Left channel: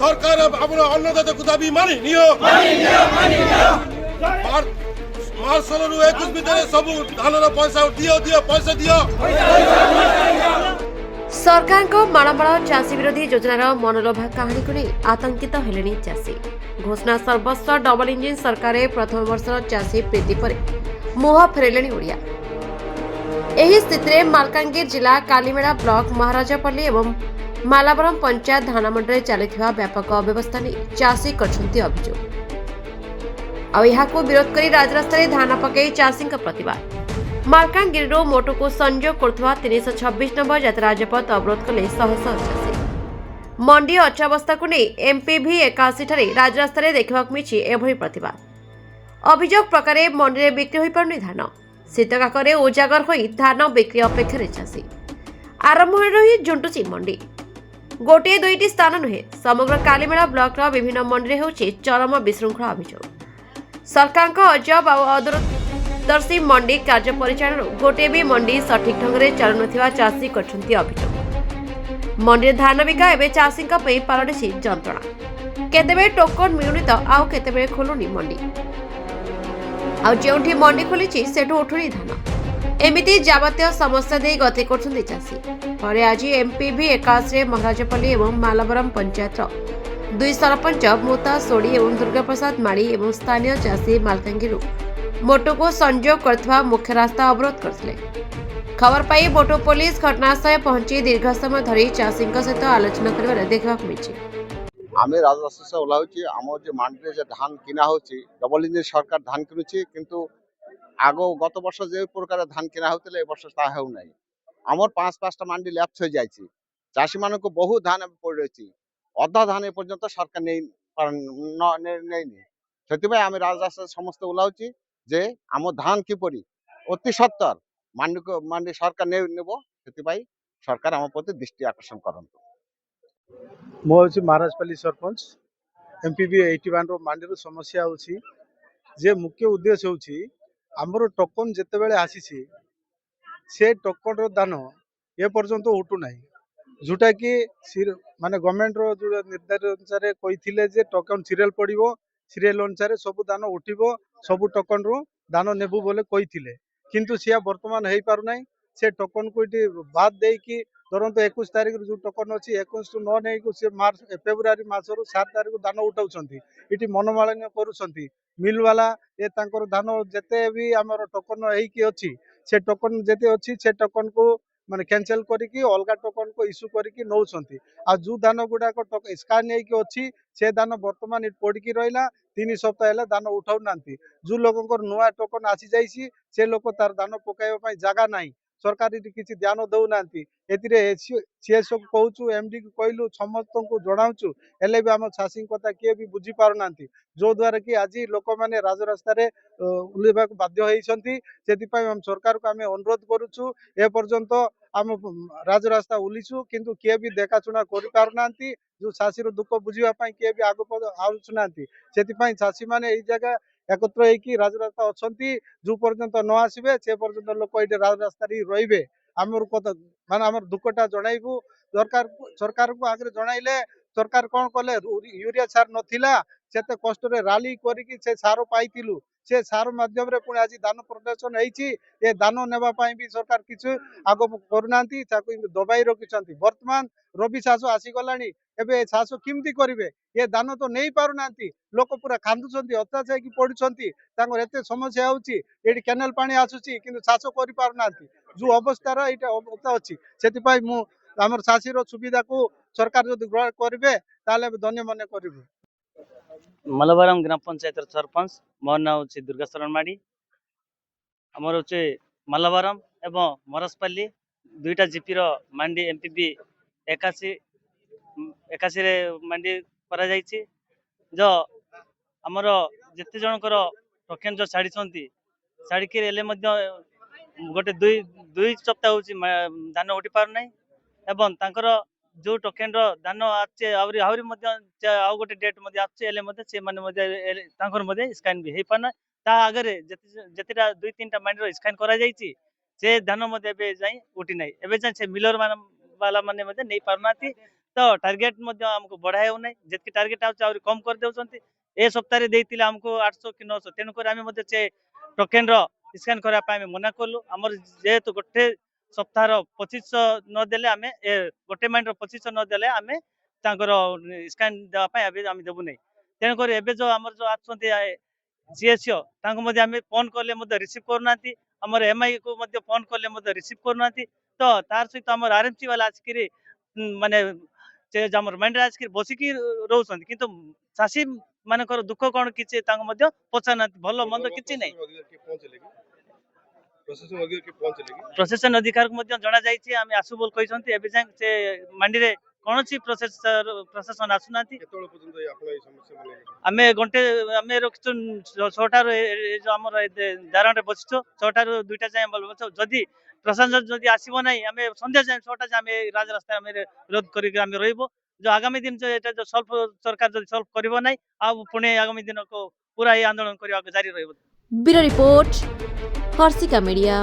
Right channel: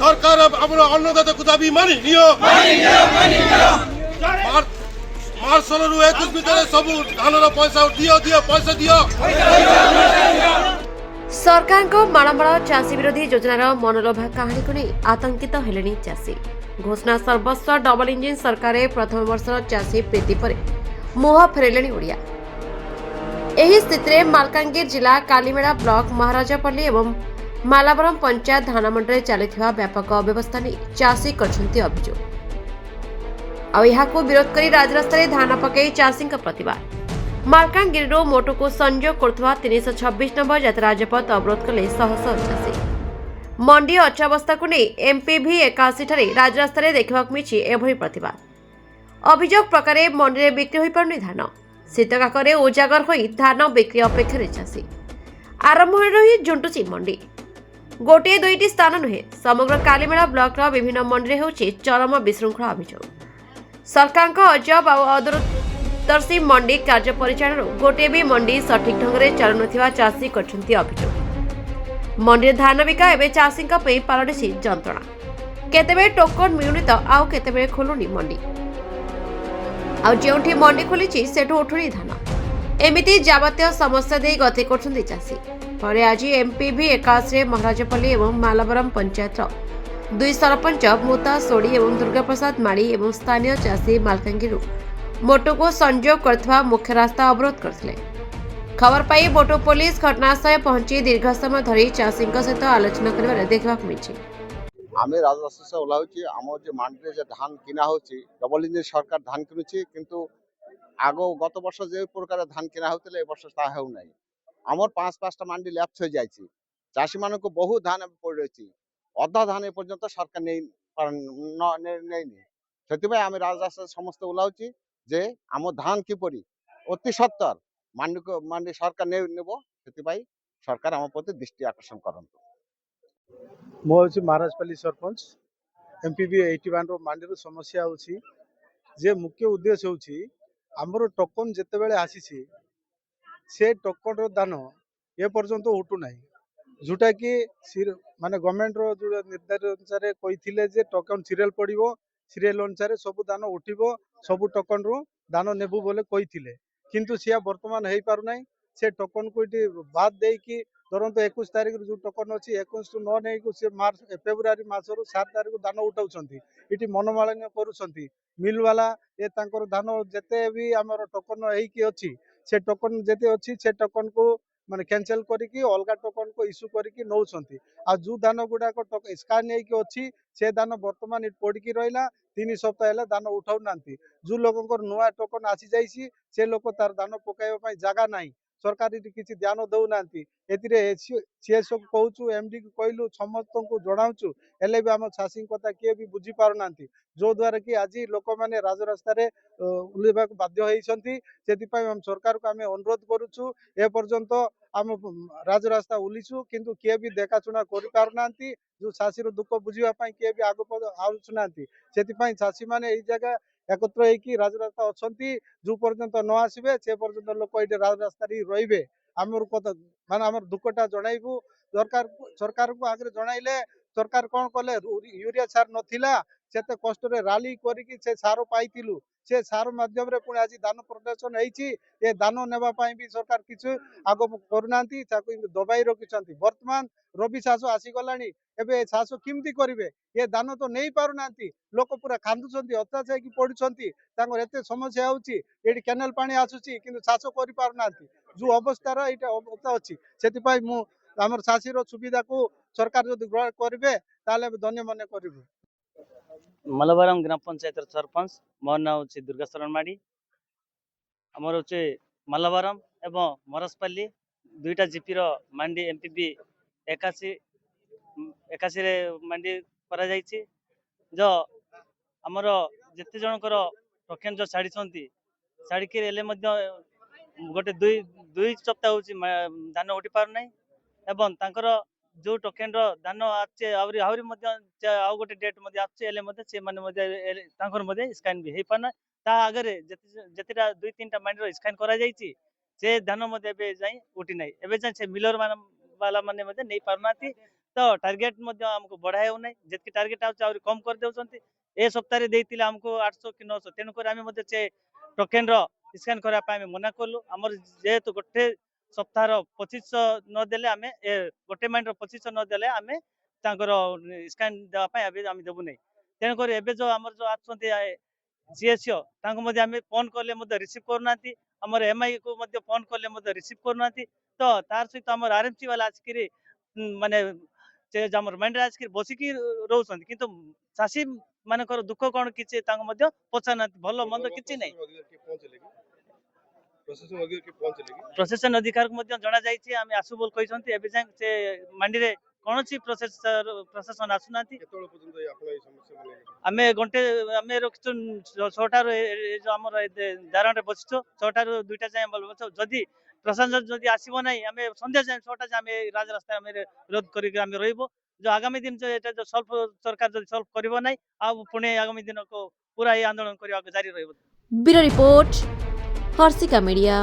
সরকার আমরা অন্নদাতাকে দাবি মানি নিও মার্চ 16 ରୁ 21 ভিତରେ ସବୁ ଧାନର ପଇସା ଦିଅ ପଇସା ଦିଅ। सरकारको माणमाण चाषी विरोधी योजनार मनलोभा कहानी को नहीं आतंकित हेलेनी चाषी। घोषणा सर्वस्व डबल इंजिन सरकार प्रथम वर्ष चाषी प्रीति पर मुह फेरले ओडिया। एही स्थिति में मालकानगिरी जिला कालीमेड़ा ब्लॉक महाराजापल्ली एवं मालाबरम पंचायत धानमंडी चलता व्यापक अव्यवस्था नहीं चाषी करछन्ती अभियोग। को विरोध कर राजरास्ता धान पकई चाषी प्रतिवाद। मालकानगिरी मोटो को संयोग करुवा 326 नंबर जात राजपथ अवरोध कले शह शह चाषी। मंडी अचावस्था को नहीं एमपीवी 81 ठारे राजरास्ता देखा मिली एभली प्रतिवाद। अभियोग प्रकार मंडी में बिक्री हो पारुनी धान शीतकाकरे उजागर हो धान बिक्री अपेक्षा चाषी। आरंभ ही झुंटुची मंडी गोटे दुईटी स्थान नुहे समग्र कालीमेड़ा ब्लॉक विभिन्न मंडी में चरम विशृंखला अभियोग। सरकार अजब और अदूरदर्शी मंडी कार्य परिचालन गोटे भी मंडी सठिक ढंग से चलु नथिबा चाषी करछन्ती अभियोग। मंडी धान बिका एवं चाषी पलटि जंत्रणा केतेबे टोकन मिलुनी तो आउ केतेबे खोलुनी मंडी आउ जेउठी मंडी खोली सेठू उठुनी धान एमिति जाबतीय समस्या दे गति करछन्ती चाषी। पर आज एमपीवी 81 महाराजापल्ली एवं मालाबरम पंचायत दुई सरपंच मुता सोड़ी और दुर्गा प्रसाद माड़ी और स्थानीय चाषी मालकानगिरी मोटो को संयोग करथवा मुख्य रास्ता अवरोध करथिले। खबर पाई मोटो पुलिस घटनास्थल पहुंची दीर्घ समय धरी चाषी सहित आलोचना कर देखा मिली। आम राजरास्ता से ओह्लाऊँ आम जो मंडी जो धान किना हो डबल इंजिन सरकार धान किनुची किंतु आग गत वर्ष जो प्रकार धान किना होते वर्ष ता हो ना आमर 5-5टा मंडी लैप्स हो जाए चाषी मान को बहुत धान पड़ रही अधा धान एपर्यंत सरकार नहीं से आम राजरास्ता समस्त ओह्लाऊँ जे आम धान किपरि अति सत्तर मंडी सरकार नेब से सरकार आम प्रति दृष्टि आकर्षण करंतु। मो हूँ महाराजपल्ली सरपंच एमपीवी 81 मंडी समस्या होची जे मुख्य उद्देश्य होची आमर टोकन जिते बेले आसी से टोकन दान ए पर्यंत उठू ना जोटा कि माने गवर्नमेंट रो जो निर्धारित अनुसार कही टोकन सीरियल पड़ो सीरियल अनुसार सब दान उठिबो सब टोकन रो दान नेबू बोले कही किंतु सिया वर्तमान हो पार ना से टोकन को बाद देकी धरत 21 तारिख जो टोकन अच्छी 21 टू 9 नहीं से मार्च फेब्रुआरी मासर 7 तारिख दान उठाऊँ ये मनमालिन्य करुँच मिल वाला ये धान जिते भी आमर टोकन होती से टोकन जिते अच्छी से टोकन को माने कैंसिल करके अलग टोकन को इश्यू करके नौकरी आ जो धान गुड़ाक स्कान अच्छी से दान बर्तमान पड़ी रहा 3 सप्ताह है दान उठाऊ ना जो लोक नुआ टोकन आसी जाइए से लोक तार दान पकाइबा जगह ना सरकार किसी ध्यान दौना सी सब कहूँ एमडी को कहलु समस्त को जनाऊँ हेल्ले भी आम चाषी कथा किए भी बुझी पार ना जो द्वारा कि आज लोक मैंने राजरास्ता ओह्लैवा बाध्य होती से सरकार को आम अनुरोध करुचु एपर्यंत आम राजरास्ता ओह्लैचु किंतु किए भी देखाशुना कर पारना जो चाषी दुख बुझापी किए भी आग आसुना से चाषी मैंने जगह एकत्र होगी राजरास्ता अच्छा जो पर्यंत न आसबे से पर्यंत लोक ये राजरास्ता रे आमर कथा माने आमर दुखटा जनइबू सरकार को आगे जनइले सरकार कौन कले यूरिया सार नथिला से कष्ट राली करी से सार पाइलु से सार मध्यम पुणी आज दान प्रदर्शन होती ये दान नेबाई भी सरकार किसी आग करना दबाई रखिंट बर्तमान रवि चाष आसीगला एवं चाष किमती करेंगे ये दान तो नहीं पारना लोक पूरा कांदुंट अत्याचार की पड़ुंट एत समस्या होती केनाल पानी आसूसी कि चाष कर पारना जो अवस्थार यहाँ अवस्था अच्छी से आमर चाषी सुविधा को सरकार जो ग्रहण करेंगे ताले धन्य मन कर। मालाबरम ग्राम पंचायत सरपंच मोर ना हूँ दुर्गा शरण माड़ी आमर हूँ मालाबरम एवं मरसपल्ली दुईटा जीपी मंडी एमपीवी 81 मंडी करा जो आमर जिते जनकर टोकेन जो छाड़ी छाड़िकी गोटे दुई सप्ताह हूँ धान उठी पार ना एवं तांकर जो टोकेन दान आछे आहरी आउ गोटे डेट आछे स्कान भी हो पारना ता आगे जितेटा 2-3टा मंडी स्कान करा से धान जाए उठी ना एवं से मिलर वाला माने नहीं पारना तो टार्गेट आमको बढ़ाई हो नहीं जितकी टार्गेट आउट कम कर दे ए सप्ताह देते आमको 800 कि 900 तेणुक आम से टोकेन स्कैन करने मना कलु आमर जेहेतु गोटे सप्ताह 2500 नदेले आम गोटे माइंड 2500 नदेले आम स्कैन देवाई आम देवु नहीं तेणुक एवं जो आम जो सीएसओ आम फोन कले रिसीव करना आमर एमआई को फोन कले रिसीव करना तो तार सहित आम आरएमसी वाला आसिक माने माइंड आसिक बसिकी रोचन किंतु चाषी मानकर दुख कौन किसी पचार भल मंद कि नहीं प्रशासन अधिकार को जना जाइए आम आसु बोल कहते से मंडी रे कौन प्रशासन आसुना आम घंटे आम रखी 6टार जो आम दारण बसिचु 6टार 2टा जाए बस जदि प्रशासन जदि आसब ना आम संध्या जाए 6टा जाए आम राजरास्ता विरोध करके रही जो आगामी दिन जो सल्व सरकार जो सल्व कर ना पुणे आगामी दिन को पूरा ये आंदोलन करने जारी रही। Bureau report Harshika media.